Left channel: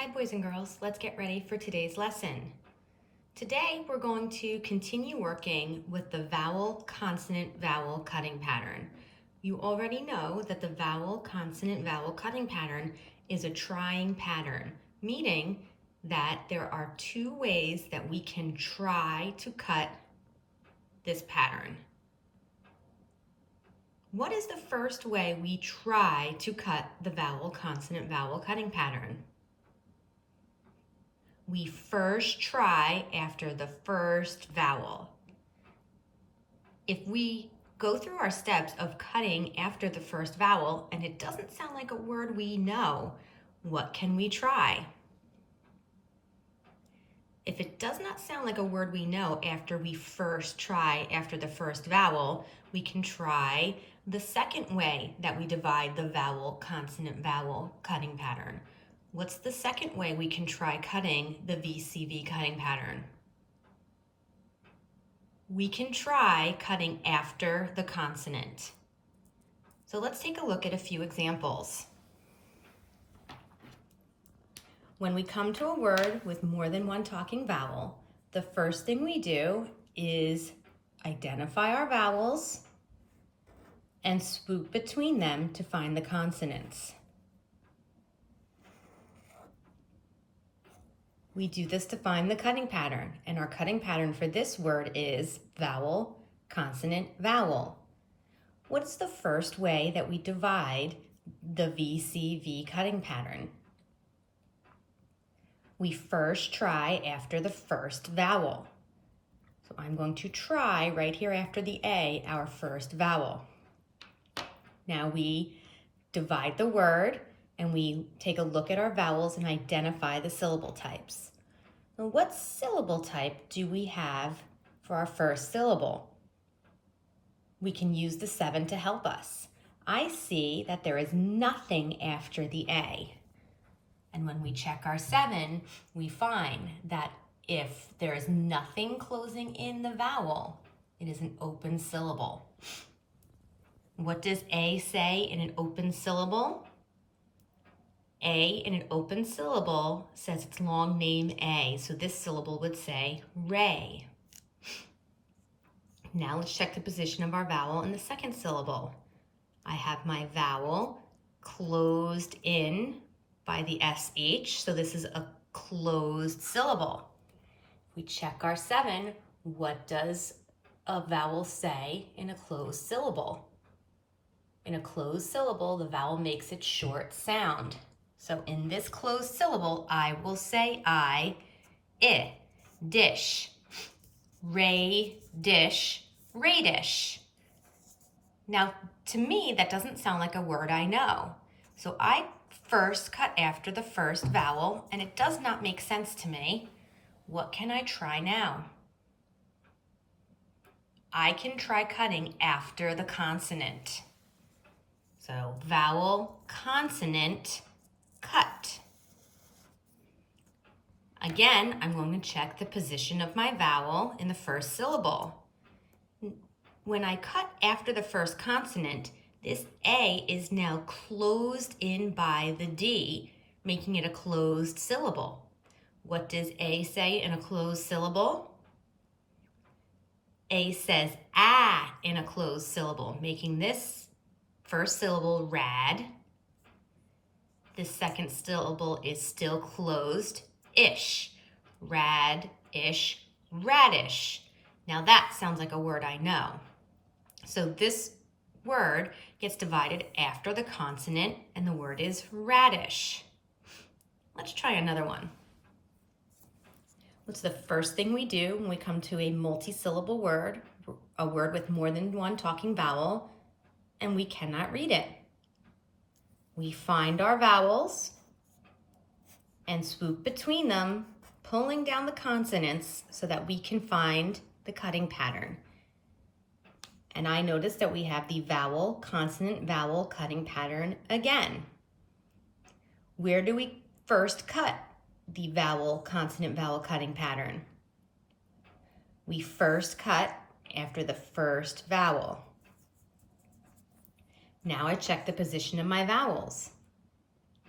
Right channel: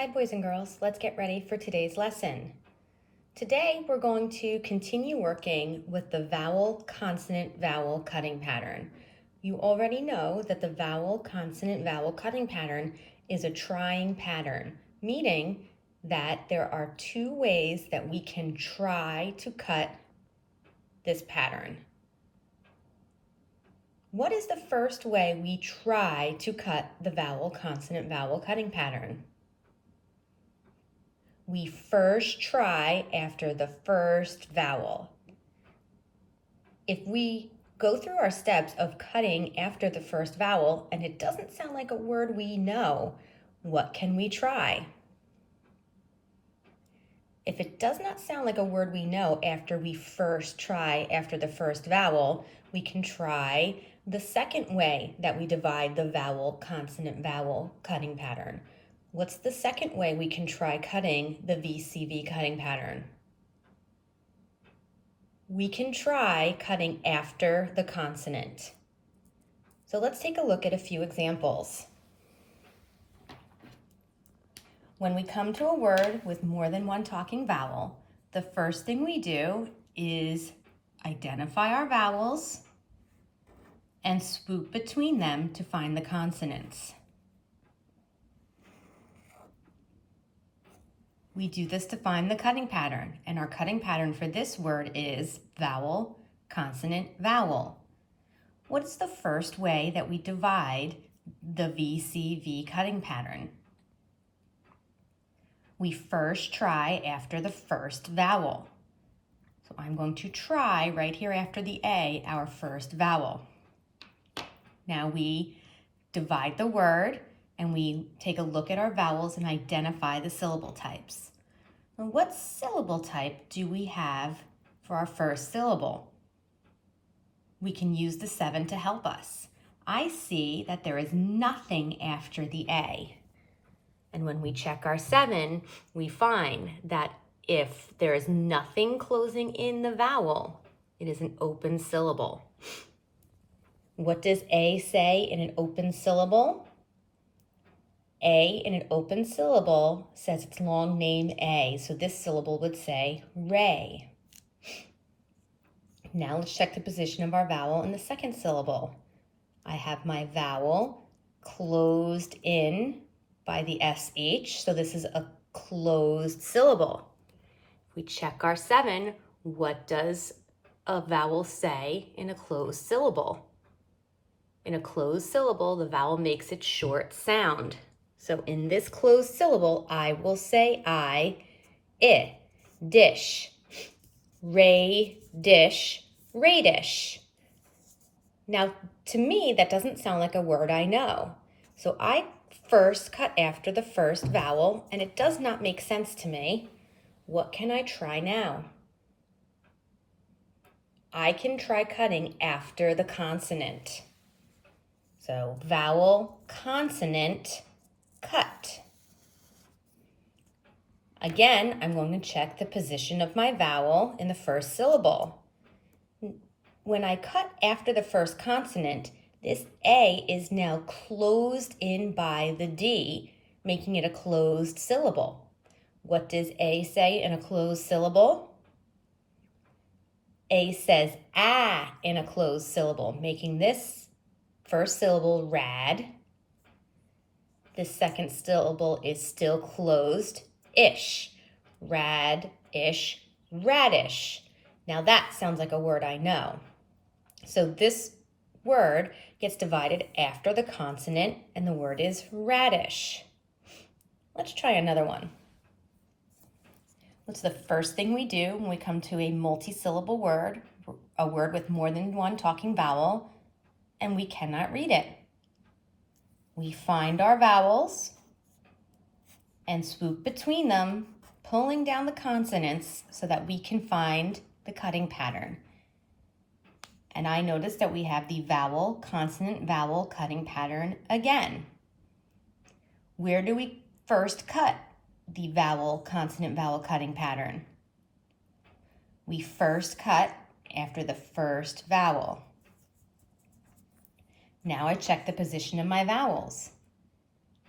Hi boys and girls, let's get ready for today's lesson. Today we're going to continue working with the vowel, consonant, vowel cutting pattern. You already know that the vowel, consonant, vowel cutting pattern is a trying pattern, meaning that there are two ways that we can try to cut this pattern. What is the first way we try to cut the vowel, consonant, vowel cutting pattern? We first try after the first vowel. If we go through our steps of cutting after the first vowel and it doesn't sound like a word we know, what can we try? If it does not sound like a word we know after we first try after the first vowel, we can try the second way that we divide the vowel, consonant, vowel cutting pattern. What's the second way we can try cutting the VCV cutting pattern? We can try cutting after the consonant. So let's take a look at a few examples. When we come to a word with more than one talking vowel, the first thing we do is identify our vowels and swoop between them to find the consonants. We do this to find the cutting pattern, and our cutting pattern for this word is vowel, consonant, vowel. What's the first way that we divide the VCV cutting pattern? We first try after the first vowel. So I'm going to try right here after the A, our first vowel. Now we divide the word and we take a look at our vowels and identify the syllable types. Now, what syllable type do we have for our first syllable? We can use the 7 to help us. I see that there is nothing after the A. And when we check our 7, we find that if there is nothing closing in the vowel, it is an open syllable. What does A say in an open syllable? A in an open syllable says its long name A, so this syllable would say ray. Now let's check the position of our vowel in the second syllable. I have my vowel closed in by the SH, so this is a closed syllable. If we check our 7, what does a vowel say in a closed syllable? In a closed syllable, the vowel makes its short sound. So in this closed syllable, I will say dish, ray, dish, radish. Now, to me, that doesn't sound like a word I know. So I first cut after the first vowel, and it does not make sense to me. What can I try now? I can try cutting after the consonant. So vowel, consonant, cut. Again, I'm going to check the position of my vowel in the first syllable. When I cut after the first consonant, this A is now closed in by the D, making it a closed syllable. What does A say in a closed syllable? A says ah in a closed syllable, making this first syllable rad. The second syllable is still closed, ish, rad, ish, radish. Now that sounds like a word I know. So this word gets divided after the consonant, and the word is radish. Let's try another one. What's the first thing we do when we come to a multi-syllable word, a word with more than one talking vowel, and we cannot read it? We find our vowels and swoop between them, pulling down the consonants so that we can find the cutting pattern. And I notice that we have the vowel, consonant, vowel cutting pattern again. Where do we first cut the vowel, consonant, vowel cutting pattern? We first cut after the first vowel. Now I check the position of my vowels.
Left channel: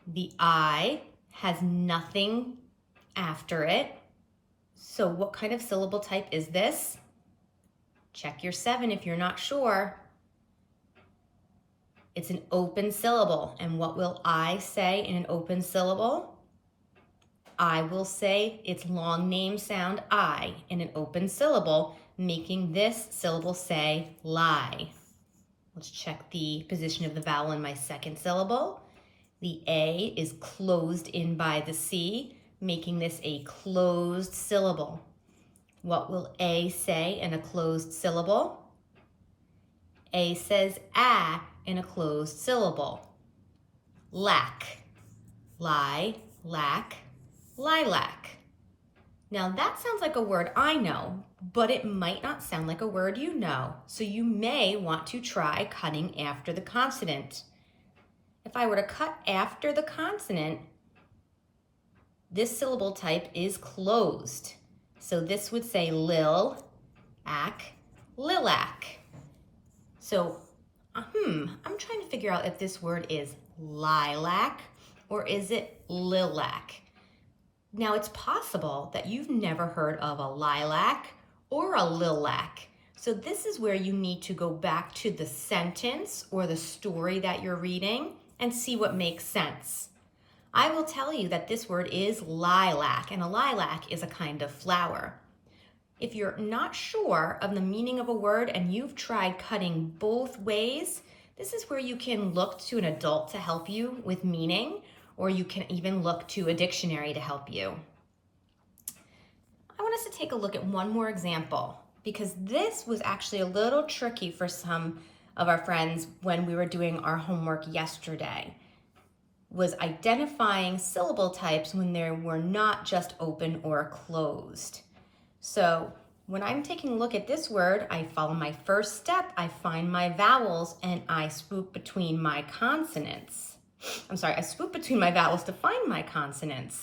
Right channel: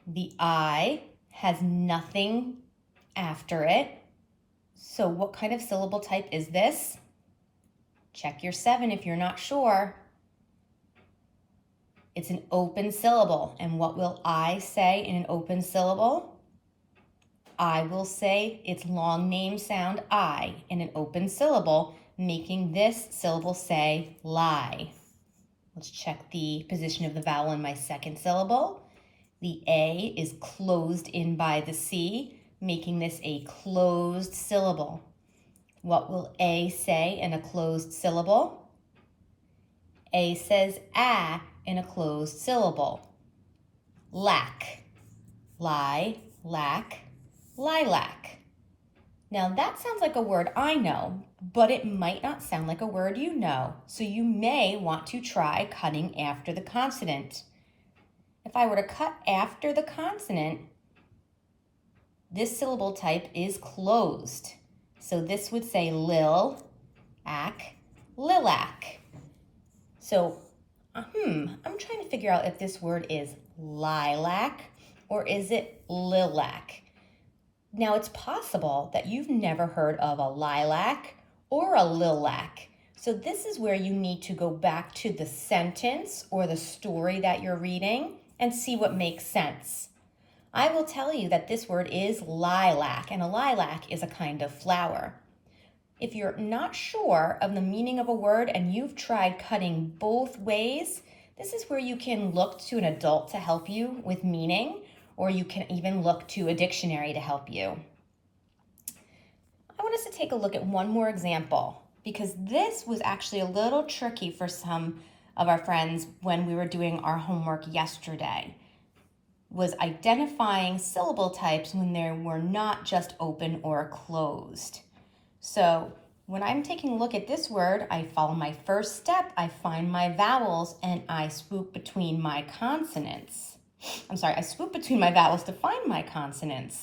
The I has nothing after it. So what kind of syllable type is this? Check your 7 if you're not sure. It's an open syllable. And what will I say in an open syllable? I will say its long name sound I in an open syllable, making this syllable say lie. Let's check the position of the vowel in my second syllable. The A is closed in by the C, making this a closed syllable. What will A say in a closed syllable? A says ah in a closed syllable. Lack, lie, lack, lilac. Now that sounds like a word I know, but it might not sound like a word you know, so you may want to try cutting after the consonant. If I were to cut after the consonant, this syllable type is closed. So this would say lil, ack, lilac. So, I'm trying to figure out if this word is lilac or is it lilac. Now it's possible that you've never heard of a lilac or a lilac. So this is where you need to go back to the sentence or the story that you're reading and see what makes sense. I will tell you that this word is lilac, and a lilac is a kind of flower. If you're not sure of the meaning of a word and you've tried cutting both ways, this is where you can look to an adult to help you with meaning, or you can even look to a dictionary to help you. I want us to take a look at one more example, because this was actually a little tricky for some of our friends when we were doing our homework yesterday, was identifying syllable types when they were not just open or closed. So when I'm taking a look at this word, I follow my first step, I find my vowels, and I swoop between my consonants. I swoop between my vowels to find my consonants.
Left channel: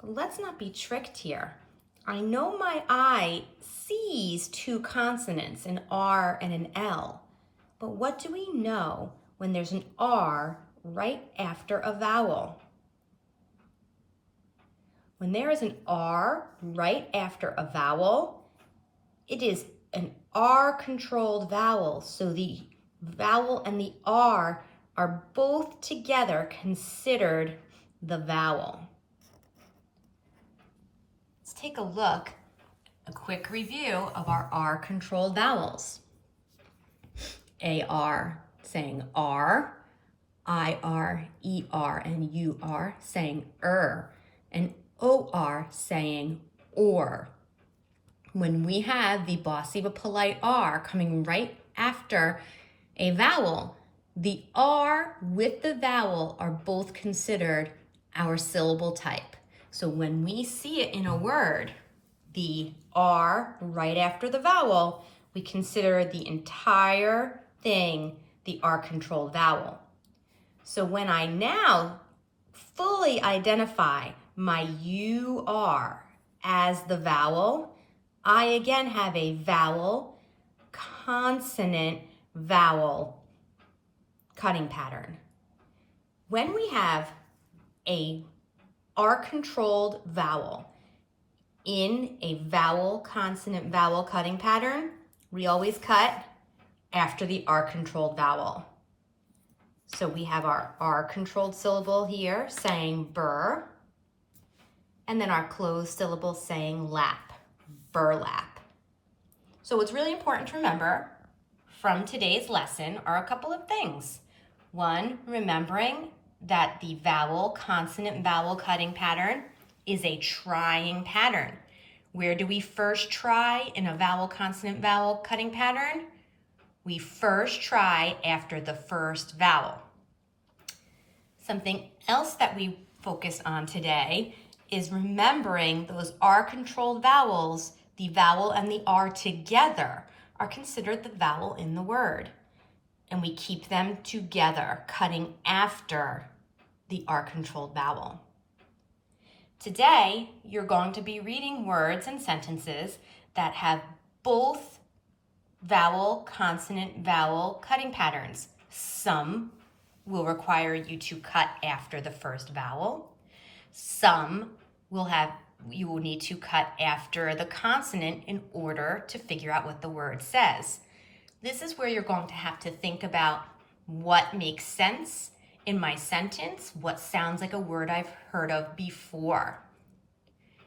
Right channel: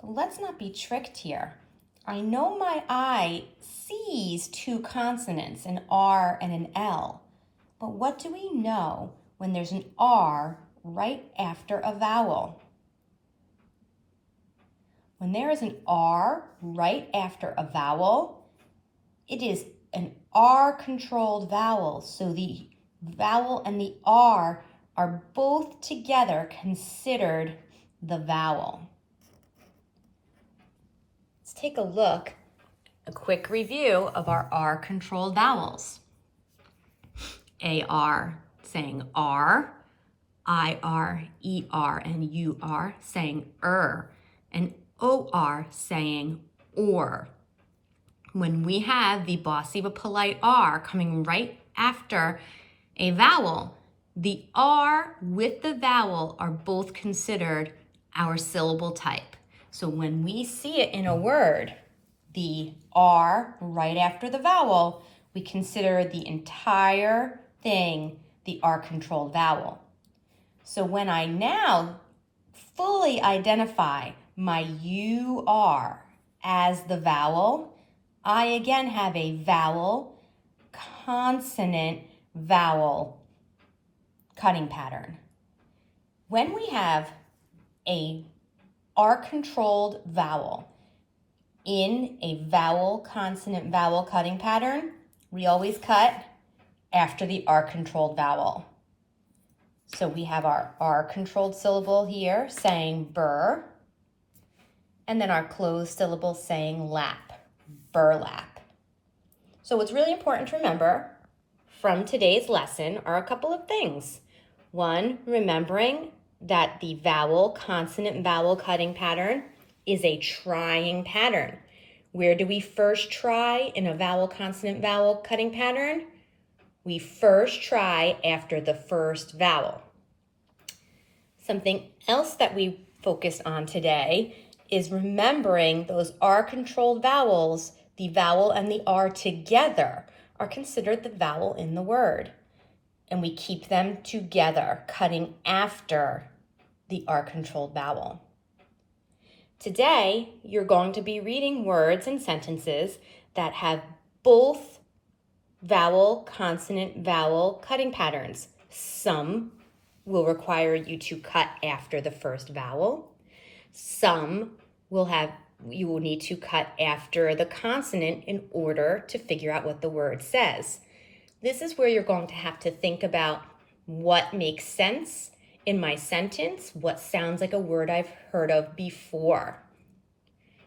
But let's not be tricked here. I know my I sees 2 consonants, an R and an L. But what do we know when there's an R right after a vowel? When there is an R right after a vowel, it is an R-controlled vowel. So the vowel and the R are both together considered the vowel. Let's take a look, a quick review of our R-controlled vowels. A-R saying R, I-R, E-R, and U-R saying and O-R saying or. When we have the bossy but polite R coming right after a vowel, the R with the vowel are both considered our syllable type. So when we see it in a word, the R right after the vowel, we consider the entire thing the R-controlled vowel. So when I now fully identify my UR as the vowel, I again have a vowel, consonant, vowel cutting pattern. When we have a R-controlled vowel in a vowel, consonant, vowel cutting pattern, we always cut after the R-controlled vowel. So we have our R-controlled syllable here saying burr, and then our closed syllable saying lap, burlap. So what's really important to remember from today's lesson are a couple of things. One, remembering that the vowel, consonant, vowel cutting pattern is a trying pattern. Where do we first try in a vowel, consonant, vowel cutting pattern? We first try after the first vowel. Something else that we focus on today is remembering those R-controlled vowels, the vowel and the R together are considered the vowel in the word. And we keep them together, cutting after the R-controlled vowel. Today, you're going to be reading words and sentences that have both vowel, consonant, vowel cutting patterns. Some will require you to cut after the first vowel. Some you will need to cut after the consonant in order to figure out what the word says. This is where you're going to have to think about what makes sense in my sentence, what sounds like a word I've heard of before.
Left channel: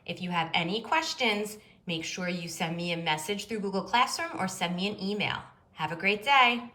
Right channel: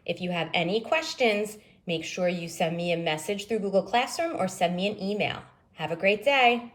If you have any questions, make sure you send me a message through Google Classroom or send me an email. Have a great day.